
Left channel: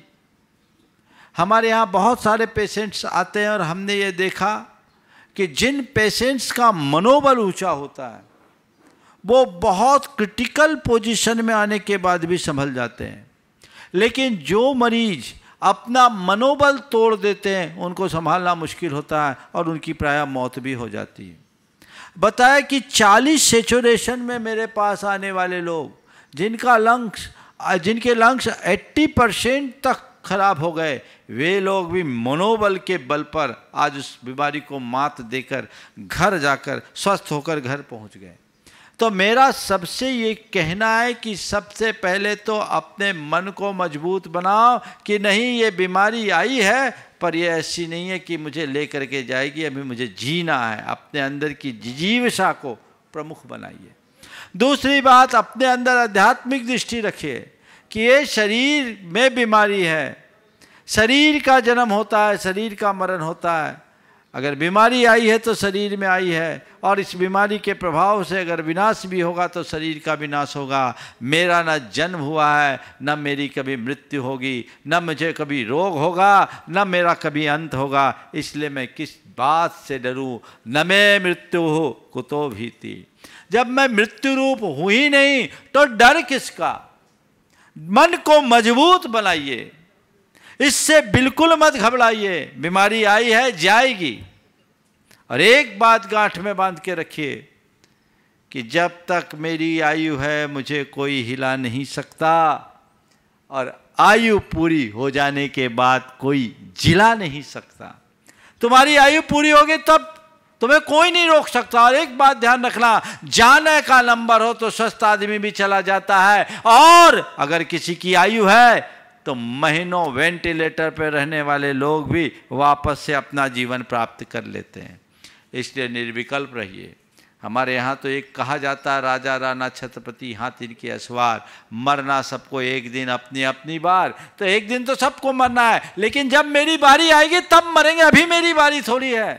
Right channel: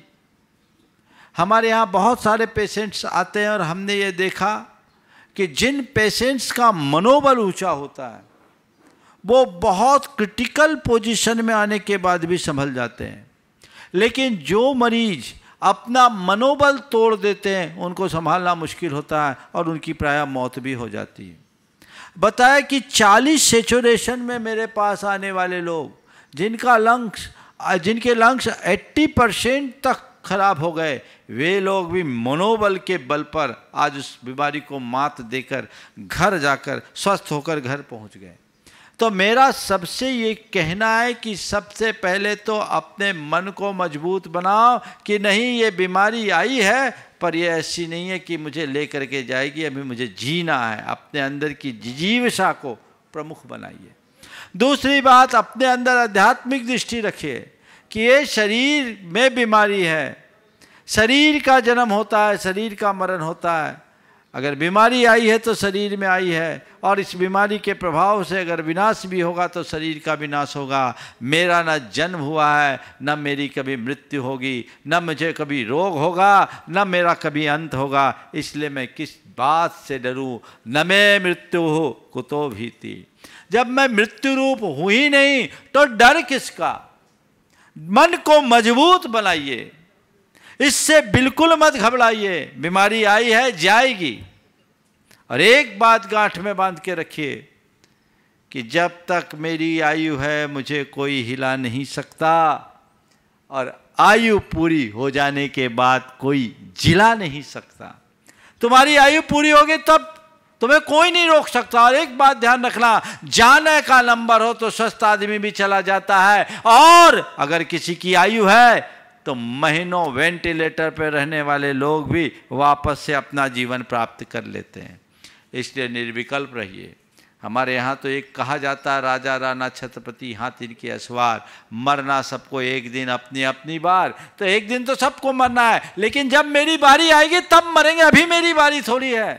हमारे यहाँ बहुत सारे पेशेंट्स आते हैं और हमने ये देखा कि जिन पेशेंट्स का मनोबल ऊंचा होता है वो बहुत क्रिटिकल पोजीशन में आने के बाद भी संभल जाते हैं, लेकिन जो मरीज अपना मनोबल तोड़ देते हैं उनको संभालना मुश्किल होता है और उनकी प्रायः मौत भी हो जाती है। बताया कि 40 सैचुरेशन में मेरे पास आने वाले लोग जिनके लंग्स 80% तक खराब हो गए, वे लोग भी मनोबल के बल पर आज उस बीमारी को मात देकर घर जाकर स्वस्थ होकर घर पहुंच गए। तो मेरा सबसे ये कहना है कि सबसे पहले तो अपने मन को मजबूत बनाओ कि नहीं, ये बीमारी आई है पर ये ऐसी नहीं है कि मुझे ले करके जाएगी, अभी मुझे जीना है। अपने अंदर की जिजीविषा को प्रमुख बनाइए। दूसरी बात, अपने अंदर आध्यात्मिक दृष्टि रखिए कि ये शरीर में बीमारी है, शरीर का जन्म होता है, शरीर का मरण होता है। अगर बीमारी आई है तो शरीर में आई है और इस बीमारी के प्रभाव से अगर विनाश भी होगा तो शरीर का विनाश होगा। मेरा न जन्म हुआ है, न मेरी कभी मृत्यु होगी, न मुझे कभी रोग होगा, न मेरा कभी अंत होगा। इसलिए मैं किस बात से डरूं, न मैं मृत्यु हो कुतो भीति। जब मैं मृत्यु रूप हूं ही नहीं तो डर किसका। मन को मजबूत बनाइए, इससे बिल्कुल मत घबराइए। बीमारी आई है, जाएगी। और एक बात गांठ में बांध के रखिए कि जब तक मेरी आयु है मुझे कोई हिला नहीं सकता, और आयु पूरी हो जाने के बाद कोई जिला नहीं सकता। तुम्हारी आयु पूरी होगी तब तुम्हें कोई नहीं रोक सकता। और एक बात ध्यान रखना, जाने का नंबर हो तो स्वस्थ आदमी भी चला जाता है, और अगर किसी की आयु है तो महीनों वेंटिलेटर पर रहने वाले लोग भी वापस से अपना जीवन प्राप्त कर लेते हैं। इसलिए निर्विकल्प रहिए। हमारे यहाँ तो एक कहा जाता है, राजा राणा छत्रपति हाथ इनके असवार, मरना सबको एक दिन अपनी अपनी बार। तो एक दिन तो सबको मरना है, लेकिन जब मेरी बारी आएगी तब मरेंगे। अभी मेरी बारी थोड़ी है,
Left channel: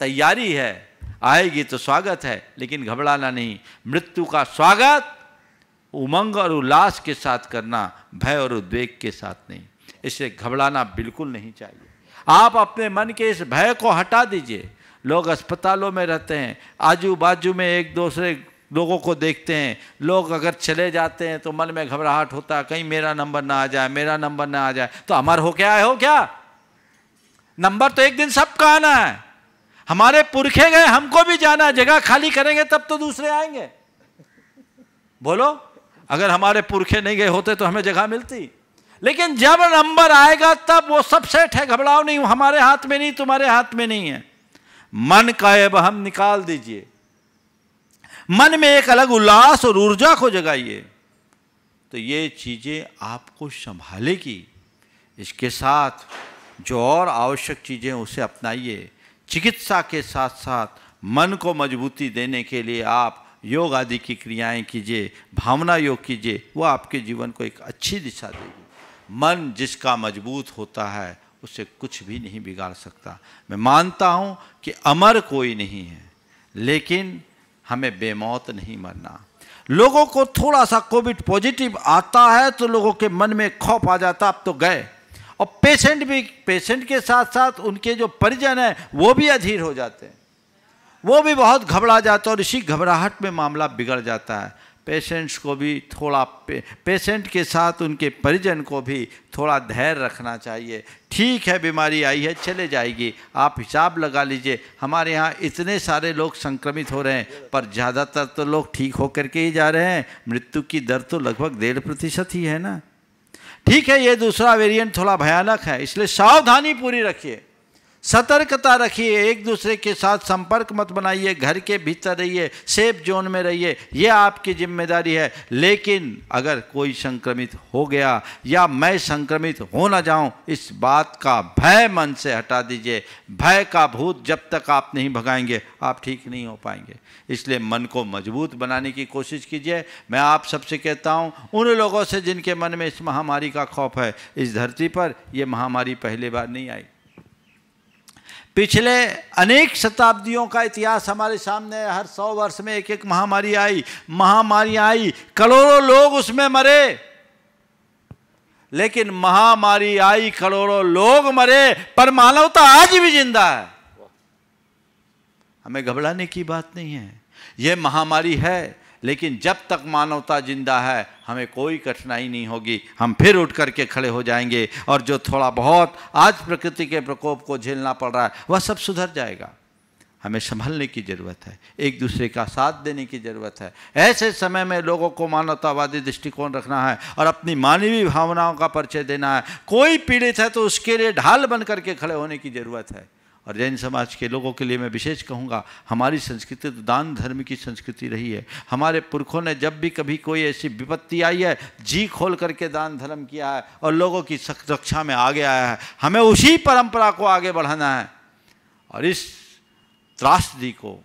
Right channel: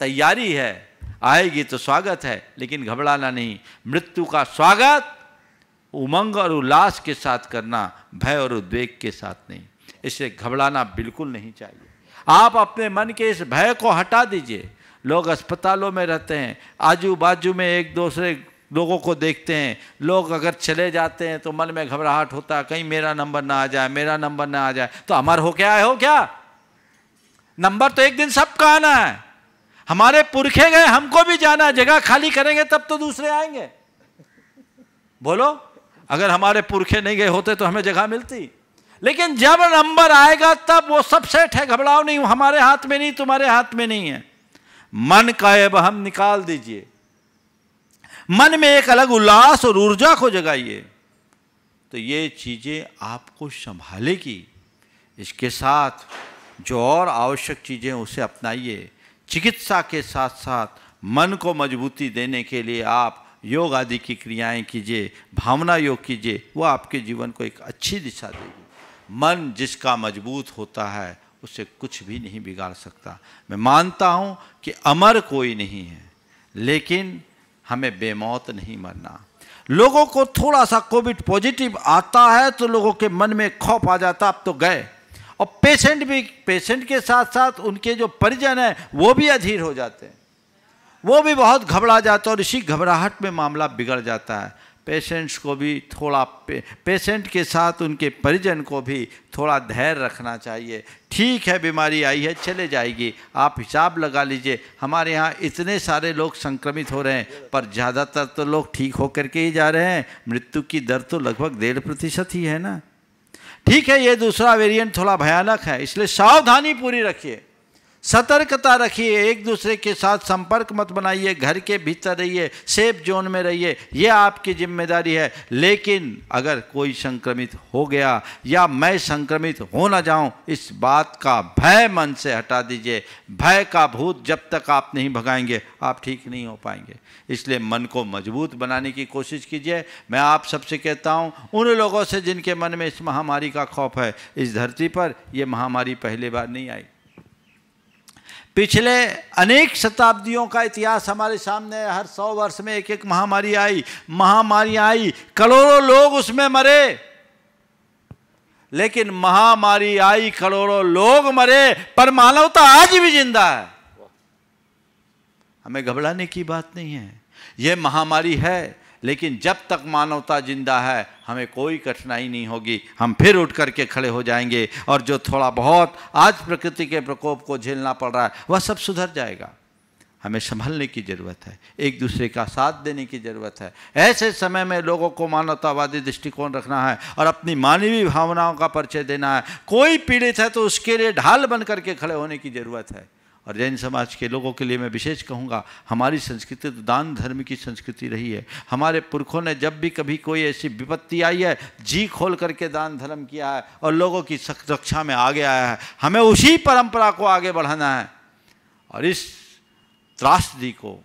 तैयारी है। आएगी तो स्वागत है, लेकिन घबराना नहीं। मृत्यु का स्वागत उमंग और उल्लास के साथ करना, भय और उद्वेग के साथ नहीं। इससे घबराना बिल्कुल नहीं चाहिए। आप अपने मन के इस भय को हटा दीजिए। लोग अस्पतालों में रहते हैं, आजू बाजू में एक दूसरे लोगों को देखते हैं। लोग अगर चले जाते हैं तो मन में घबराहट होता है, कहीं मेरा नंबर ना आ जाए, मेरा नंबर ना आ जाए। तो अमर हो क्या हो क्या? नंबर तो एक दिन सबका आना है। हमारे पुरखे गए, हमको भी जाना है। जगह खाली करेंगे तब तो दूसरे आएंगे। बोलो, अगर हमारे पुरखे नहीं गए होते तो हमें जगह मिलती। लेकिन जब नंबर आएगा तब वो सब सेट है। घबराओ नहीं, हमारे हाथ में नहीं, तुम्हारे हाथ में नहीं है। मन का अब हम निकाल दीजिए। मन में एक अलग उल्लास और ऊर्जा को जगाइए, तो ये चीजें आपको संभालेगी। इसके साथ जो और आवश्यक चीजें उसे अपनाइए। चिकित्सा के साथ साथ मन को मजबूती देने के लिए आप योग आदि की क्रियाएं कीजिए, भावना योग कीजिए। वो आपके जीवन को एक अच्छी दिशा देगी। मन जिसका मजबूत होता है उसे कुछ भी नहीं बिगाड़ सकता। मैं मानता हूं कि अमर कोई नहीं है, लेकिन हमें बेमौत नहीं मरना। लोगों को थोड़ा सा कोविड पॉजिटिव आता है तो लोगों के मन में खौफ आ जाता, अब तो गए। और पेशेंट भी, पेशेंट के साथ साथ उनके जो परिजन हैं वो भी अधीर हो जाते हैं, वो भी बहुत घबरा जाते हैं, और इसी घबराहट में मामला बिगड़ जाता है। पेशेंट्स को भी थोड़ा पेशेंट के साथ उनके परिजन को भी थोड़ा धैर्य रखना चाहिए। ठीक है, बीमारी आई है, चले जाएगी। आप हिसाब लगा लीजिए, हमारे यहाँ इतने सारे लोग संक्रमित हो रहे हैं, पर ज़्यादातर तो लोग ठीक होकर के ही जा रहे हैं। मृत्यु की दर तो लगभग 1.5% ही है ना। ठीक है, ये दूसरा वेरिएंट थोड़ा भयानक है, इसलिए सावधानी पूरी रखिए, सतर्कता रखिए। एक दूसरे के साथ संपर्क मत बनाइए, घर के भीतर रहिए, सेफ जोन में रहिए, ये आपकी जिम्मेदारी है। लेकिन अगर कोई संक्रमित हो गया या मैं संक्रमित हो ना जाऊं, इस बात का भय मन से हटा दीजिए। भय का भूत जब तक आप नहीं भगाएंगे, आप ठीक नहीं हो पाएंगे। इसलिए मन को मजबूत बनाने की कोशिश कीजिए। मैं आप सबसे कहता हूं, उन लोगों से जिनके मन में इस महामारी का खौफ है, इस धरती पर यह महामारी पहली बार नहीं आई। पिछले अनेक शताब्दियों का इतिहास हमारे सामने है। हर 100 वर्ष में एक एक महामारी आई, करोड़ों लोग उसमें मरे। लेकिन महामारी आई, करोड़ों लोग मरे, पर मानवता आज भी जिंदा है। हमें घबराने की बात नहीं है। यह महामारी है, लेकिन जब तक मानवता जिंदा है हमें कोई कठिनाई नहीं होगी। हम फिर उठ करके खड़े हो जाएंगे, और जो थोड़ा बहुत आज प्रकृति के प्रकोप को झेलना पड़ रहा है वह सब सुधर जाएगा। हमें संभलने की ज़रूरत है, एक दूसरे का साथ देने की ज़रूरत है। ऐसे समय में लोगों को मानवतावादी दृष्टिकोण रखना है और अपनी मानवीय भावनाओं का परिचय देना है। कोई पीड़ित है तो उसके लिए ढाल बन करके खड़े होने की ज़रूरत है। और जैन समाज के लोगों के लिए मैं विशेष कहूँगा, हमारी संस्कृति तो दान धर्म की संस्कृति रही है। हमारे पुरखों ने जब भी कभी कोई ऐसी विपत्ति आई है, जी खोल करके दान धर्म किया है और लोगों की रक्षा में आगे आया है। हमें उसी परंपरा को आगे बढ़ाना है और इस त्रासदी को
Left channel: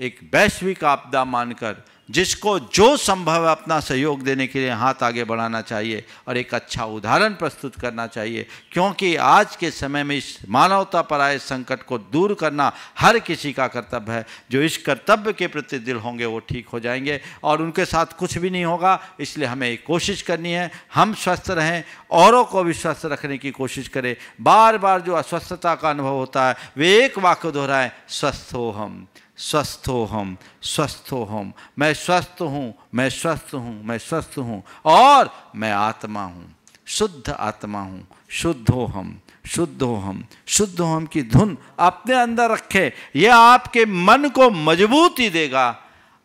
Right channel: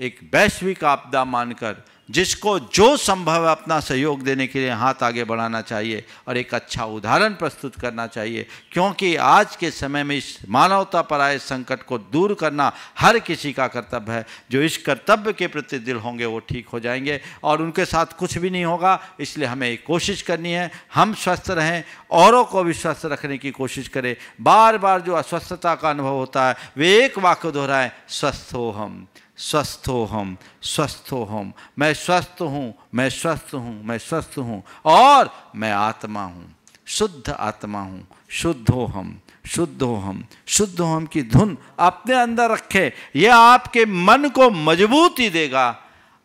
एक वैश्विक आपदा मानकर जिसको जो संभव है अपना सहयोग देने के लिए हाथ आगे बढ़ाना चाहिए और एक अच्छा उदाहरण प्रस्तुत करना चाहिए, क्योंकि आज के समय में इस मानवता पर आए संकट को दूर करना हर किसी का कर्तव्य है। जो इस कर्तव्य के प्रति दिल होंगे वो ठीक हो जाएंगे और उनके साथ कुछ भी नहीं होगा। इसलिए हमें कोशिश करनी है हम स्वस्थ रहें, औरों को भी स्वस्थ रखने की कोशिश करें। बार बार जो अस्वस्थता का अनुभव होता है वे एक वाक्य दोहराएं, स्वस्थ हो हम, स्वस्थ हो हम, स्वस्थ हो हम। मैं स्वस्थ हूँ, मैं स्वस्थ हूँ, मैं स्वस्थ हूँ और मैं आत्मा हूँ, शुद्ध आत्मा हूँ। शुद्ध हो हम, शुद्ध हो हम, शुद्ध हो हम की धुन अपने अंदर रखें। यह आपके मन को मजबूती देगा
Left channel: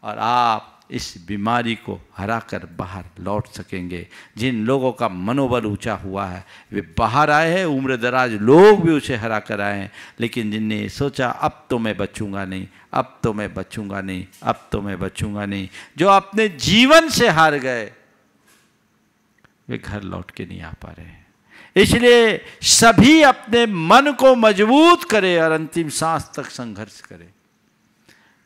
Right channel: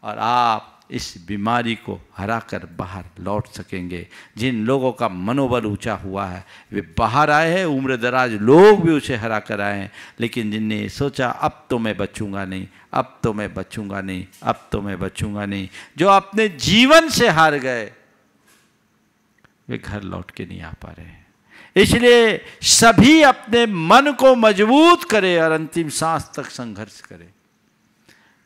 और आप इस बीमारी को हरा कर बाहर लौट सकेंगे। जिन लोगों का मनोबल ऊंचा हुआ है वे बाहर आए हैं, उम्र दराज लोग भी उसे हरा कर आए हैं। लेकिन जिनने सोचा अब तो मैं बचूंगा नहीं, अब तो मैं बचूंगा नहीं, अब तो मैं बचूंगा नहीं, जो अपने जीवन से हार गए वे घर लौट के नहीं आ पा रहे हैं। इसलिए सभी अपने मन को मजबूत करें और अंतिम सांस तक संघर्ष करें।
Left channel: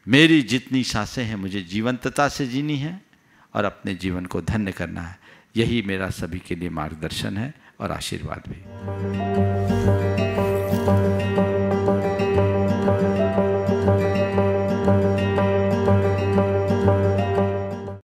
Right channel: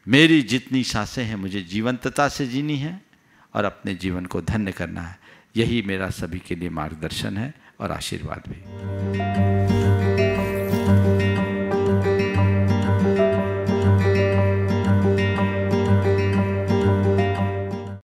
मेरी जितनी सांसें हैं मुझे जीवंतता से जीनी है और अपने जीवन को धन्य करना है। यही मेरा सभी के लिए मार्गदर्शन है और आशीर्वाद भी।